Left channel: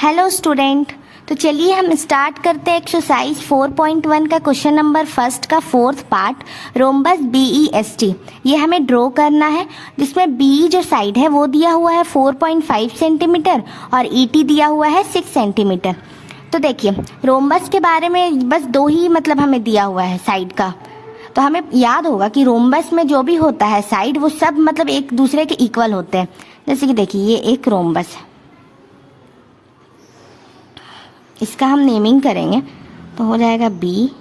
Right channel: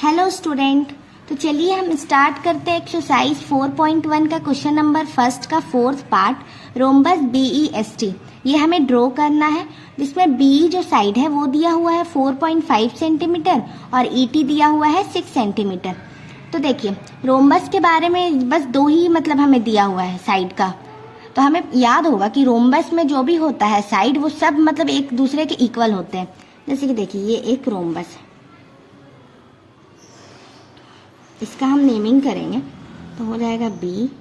Hello student. तो चलिए हम स्टार्ट करते हैं एक्सरसाइज 4.1 का क्वेश्चन नंबर फर्स्ट का फोर्थ पार्ट रोम्बस BEST। ये हमें ड्रॉ करना है जिसमें BE जो साइड है वो दिया हुआ है 4.5 सेंटीमीटर और ET दिया हुआ है 6 सेंटीमीटर। तो देखिए रोम्बस के बारे में बस दो ही मतलब हमें दिया हुआ है साइड का। तो हमें याद होगा कि रोम्बस में जो भी होता है साइड वो सब मतलब एक दूसरे के इक्वल होते हैं। जैसे कि देखिए ये एक रोम्बस है, इसका हम नेमिंग करेंगे तो हो जाएगा BEST।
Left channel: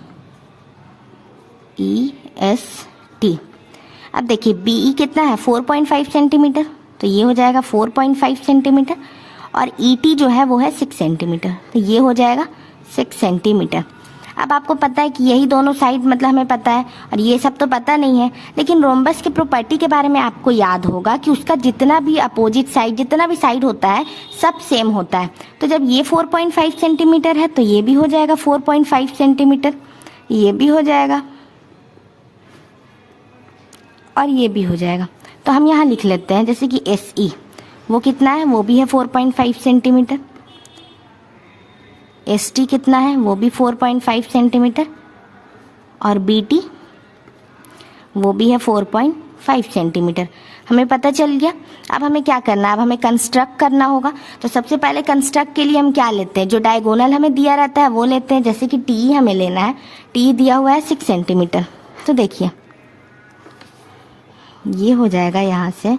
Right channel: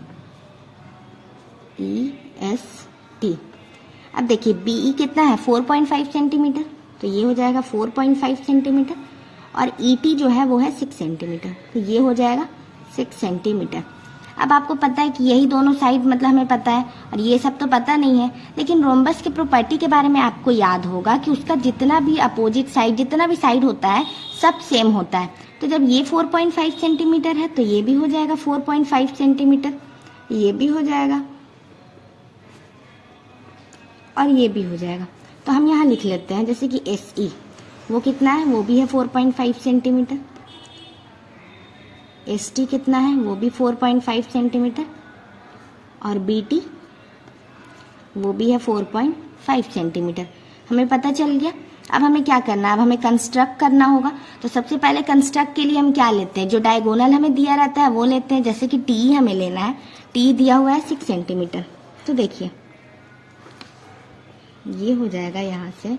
अब देखिए BE कितना है 4.5 सेंटीमीटर, तो ये हो जाएगा 4.5 सेंटीमीटर और ET जो है वो है 6 सेंटीमीटर, तो ये हो जाएगा 6 सेंटीमीटर। अब आपको पता है कि यही दोनों साइड मतलब हमें पता है और ये सब तो पता नहीं है, लेकिन रोम्बस के प्रॉपर्टी के बारे में आपको याद होगा कि उसका जितना भी अपोजिट साइड जितना भी साइड होता है सब सेम होता है। तो जब ये 4.5 सेंटीमीटर है तो ये भी हो जाएगा 4.5 सेंटीमीटर, ये भी हो जाएगा और ये भी हो जाएगा। तो हम यहाँ लिख लेते हैं जैसे कि SE वो कितना है, वो भी है 4.5 सेंटीमीटर। ST कितना है, वो भी 4.5 सेंटीमीटर और BT वो भी है 4.5 सेंटीमीटर। हमें पता चल गया। अब हमें क्या करना है, अब हमें कंस्ट्रक्ट करना होगा। तो सबसे पहले कंस्ट्रक्ट के लिए हम क्या लेते हैं, जो डायगोनल हमें दिया रहता है वो लेते हैं। जैसे कि T हमें लेना है, T दिया हुआ है 6 सेंटीमीटर। तो देखिए ये हो जाएगा, यहाँ से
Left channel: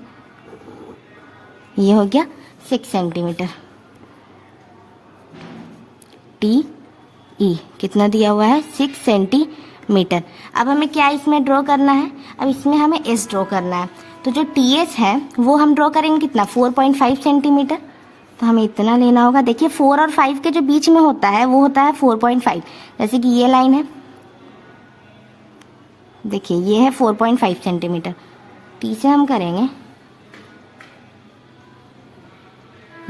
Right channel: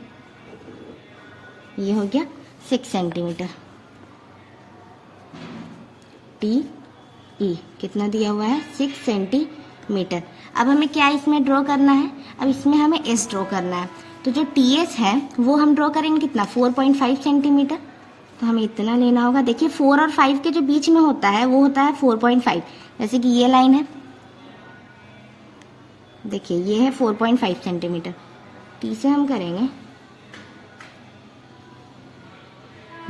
ये हो गया 6 सेंटीमीटर। TE कितना दिया हुआ है 6 सेंटीमीटर। अब हमें क्या इसमें ड्रॉ करना है, अब इसमें हमें S ड्रॉ करना है। तो जो TS है वो हम ड्रॉ करेंगे कितना 4.5 सेंटीमीटर, तो हमें इतना लेना होगा। देखिए 4 और 5 के जो बीच में होता है वो होता है 4.5। जैसे कि ये लाइन है, देखिए ये है 4.5 सेंटीमीटर। T से हम करेंगे,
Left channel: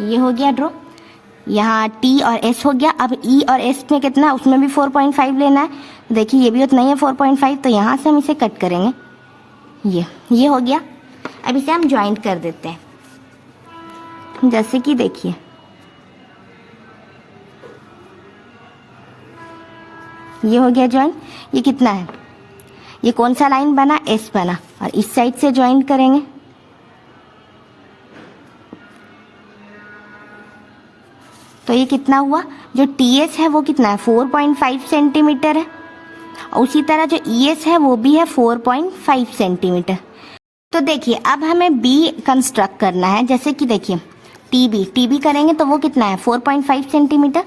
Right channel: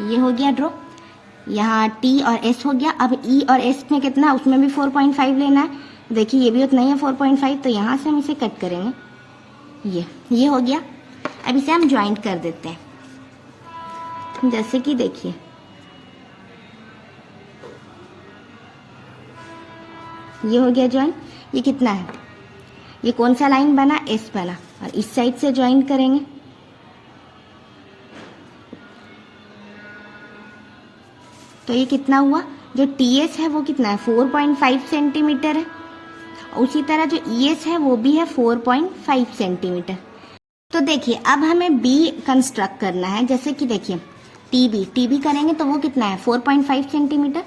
ये हो गया ड्रॉ। यहाँ T और S हो गया। अब E और S में कितना, उसमें भी 4.5 लेना है। देखिए ये भी उतना ही है 4.5, तो यहाँ से हम इसे कट करेंगे। ये हो गया। अब इसे हम ज्वाइंट कर देते हैं। जैसे कि देखिए ये हो गया ज्वाइंट। ये कितना है, ये कौन सा लाइन बना, S बना, और इस साइड से ज्वाइंट करेंगे। तो ये कितना हुआ, जो TS है वो कितना है 4.5 सेंटीमीटर है और उसी तरह जो ES है वो भी है 4.5 सेंटीमीटर। तो देखिए अब हमें B कंस्ट्रक्ट करना है। जैसे कि देखिए TB करेंगे तो वो कितना है 4.5 सेंटीमीटर।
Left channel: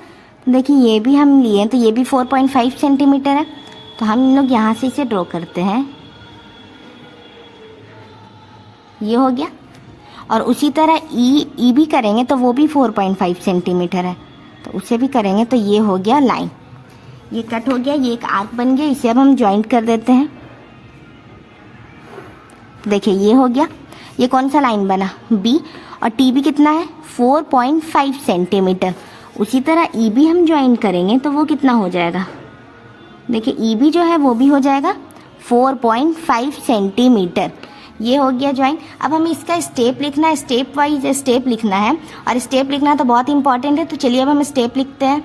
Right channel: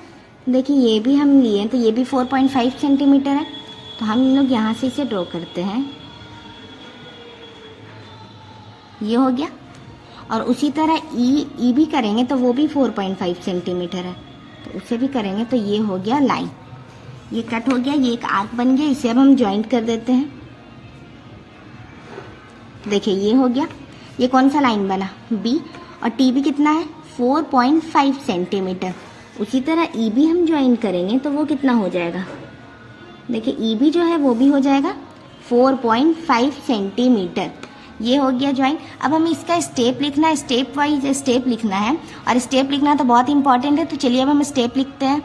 देखिए ये भी हम लिए तो ये भी 4.5 सेंटीमीटर है। तो हम लोग यहाँ से इसे ड्रॉ करते हैं, ये हो गया। और उसी तरह E भी करेंगे तो वो भी 4.5 सेंटीमीटर है, तो उसे भी करेंगे तो ये हो गया लाइन। ये कट हो गया, ये एक आर्क बन गया। इसे अब हम ज्वाइंट कर देते हैं। देखिए ये हो गया। ये कौन सा लाइन बना, B, और TB कितना है 4.5 सेंटीमीटर। उसी तरह E भी हम ज्वाइन करेंगे तो वो कितना हो जाएगा, देखिए EB जो है वो भी हो जाएगा 4.5 सेंटीमीटर। ये हो गया ज्वाइन। अब हमें इसका स्टेप लिखना है, स्टेप वाइज स्टेप लिखना है, और स्टेप लिखना तो बहुत इंपॉर्टेंट है। तो चलिए अब हम स्टेप लिखते हैं।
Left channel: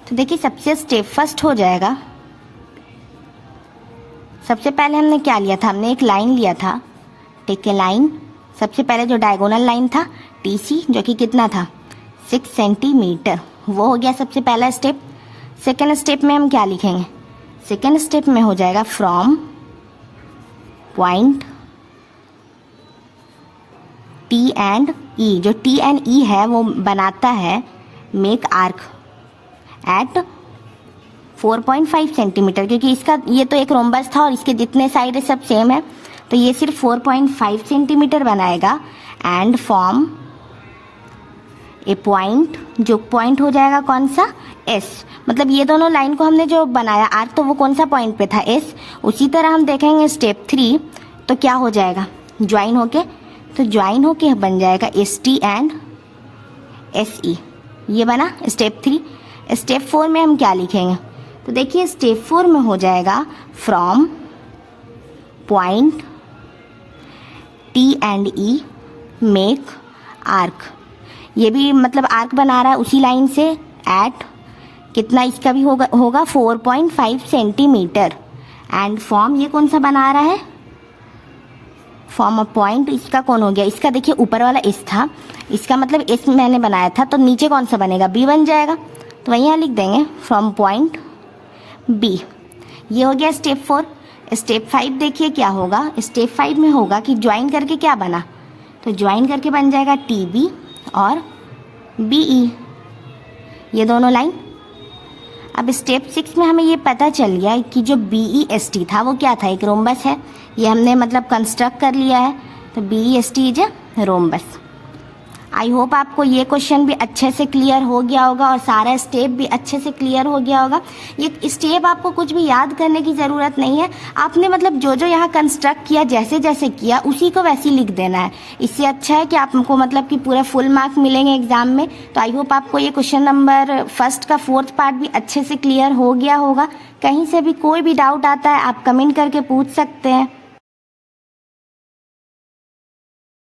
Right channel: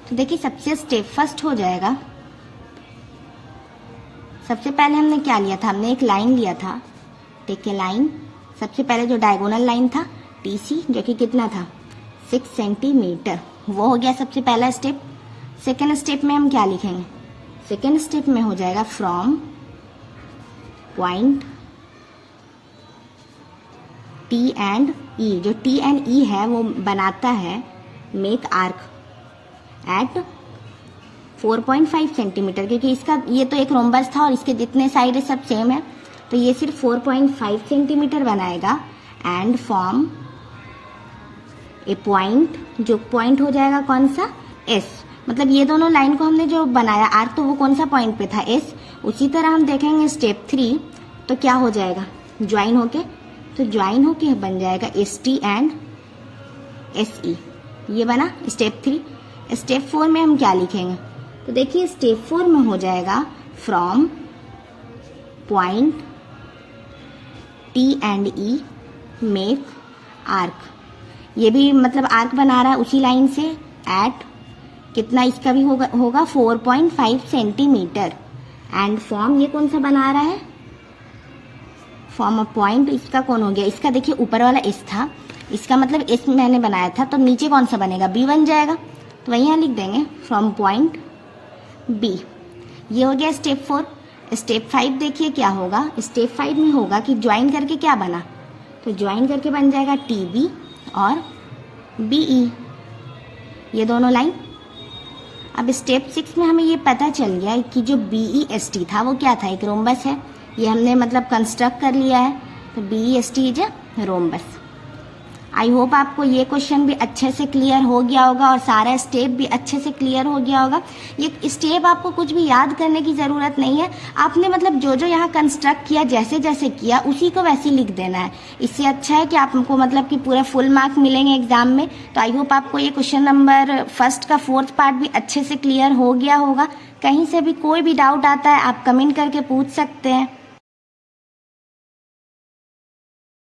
तो देखिए सबसे स्टेप फर्स्ट हो जाएगा, सबसे पहले हमने क्या लिया था, हमने एक लाइन लिया था, टेक ए लाइन। सबसे पहले जो डायगोनल लाइन था TC जो कि कितना था 6 सेंटीमीटर, वो हो गया सबसे पहला स्टेप। सेकेंड स्टेप में हम क्या लिखेंगे, सेकेंड स्टेप में हो जाएगा from point T and E, जो T एंड E है वो बनाता है मेक आर्क एट 4.5 सेंटीमीटर, क्योंकि इसका ये तो एक रोम्बस था और इसके जितने साइड सब सेम है, तो ये सिर्फ 4.5 सेंटीमीटर बनाएगा। एंड फॉर्म ए पॉइंट, जो पॉइंट हो जाएगा कौन सा S, मतलब ये दोनों लाइन को हमने जो बनाया आर्क तो वो कौन सा पॉइंट पे था S। उसी तरह हम देखेंगे स्टेप 3 तो क्या हो जाएगा, ज्वाइन होके, तो ज्वाइन होके बन जाएगा ST एंड SE, ये बना स्टेप 3। स्टेप 4 में हम क्या लिखेंगे, तो देखिए स्टेप 4 में हो जाएगा from point T and E make arc. ये भी मतलब आर्क बना रहा है उसी लाइन से एट कितना इसका भी होगा 4.5 सेंटीमीटर। एंड फॉर्म ये कौन सा बना रहा है, फॉर्म अ पॉइंट। इसका कौन हो गया, इसका देखिए ऊपर वाला एस था, इसका मतलब एस मैंने बनाया था, तो नीचे कौन सा बनेगा, बी बन जाएगा। तो वहीं यहाँ लिख देंगे फ्रॉम पॉइंट बी। ये हो गया स्टेप 4। स्टेप 5 देखिए क्या होगा, स्टेप 5 में होगा कि ज्वाइन करके क्या बना, तो ज्वाइन करके बन जाएगा टी बी और बी ई, ये दोनों लाइन। अब स्टेप 6 में हमें ये पता चल गया कि जो बी ई एस टी था वो क्या था, एक रोम्बस है, ये हमने मतलब कंस्ट्रक्ट कर लिया है, तो B E S T is a rhombus. I hope आपको ये क्वेश्चन भी अच्छे से क्लियर हो गया होगा और सारा स्टेप भी अच्छे से क्लियर हो गया होगा। ये स्टेप आपको कुछ भी याद करने की ज़रूरत नहीं है, आपने मतलब जो जो यहाँ कंस्ट्रक्ट किया जैसे जैसे किया उसी को वैसे लिख देना है। इससे अच्छा है कि आपको मतलब कि पूरा फुल मार्क मिलेंगे एग्जाम में। तो आई होप आपको ये क्वेश्चन नंबर फर्स्ट का 4th पार्ट भी अच्छे से क्लियर हो गया होगा। कहीं से भी कोई भी डाउट आता है आप कमेंट करके पूछ सकते हैं।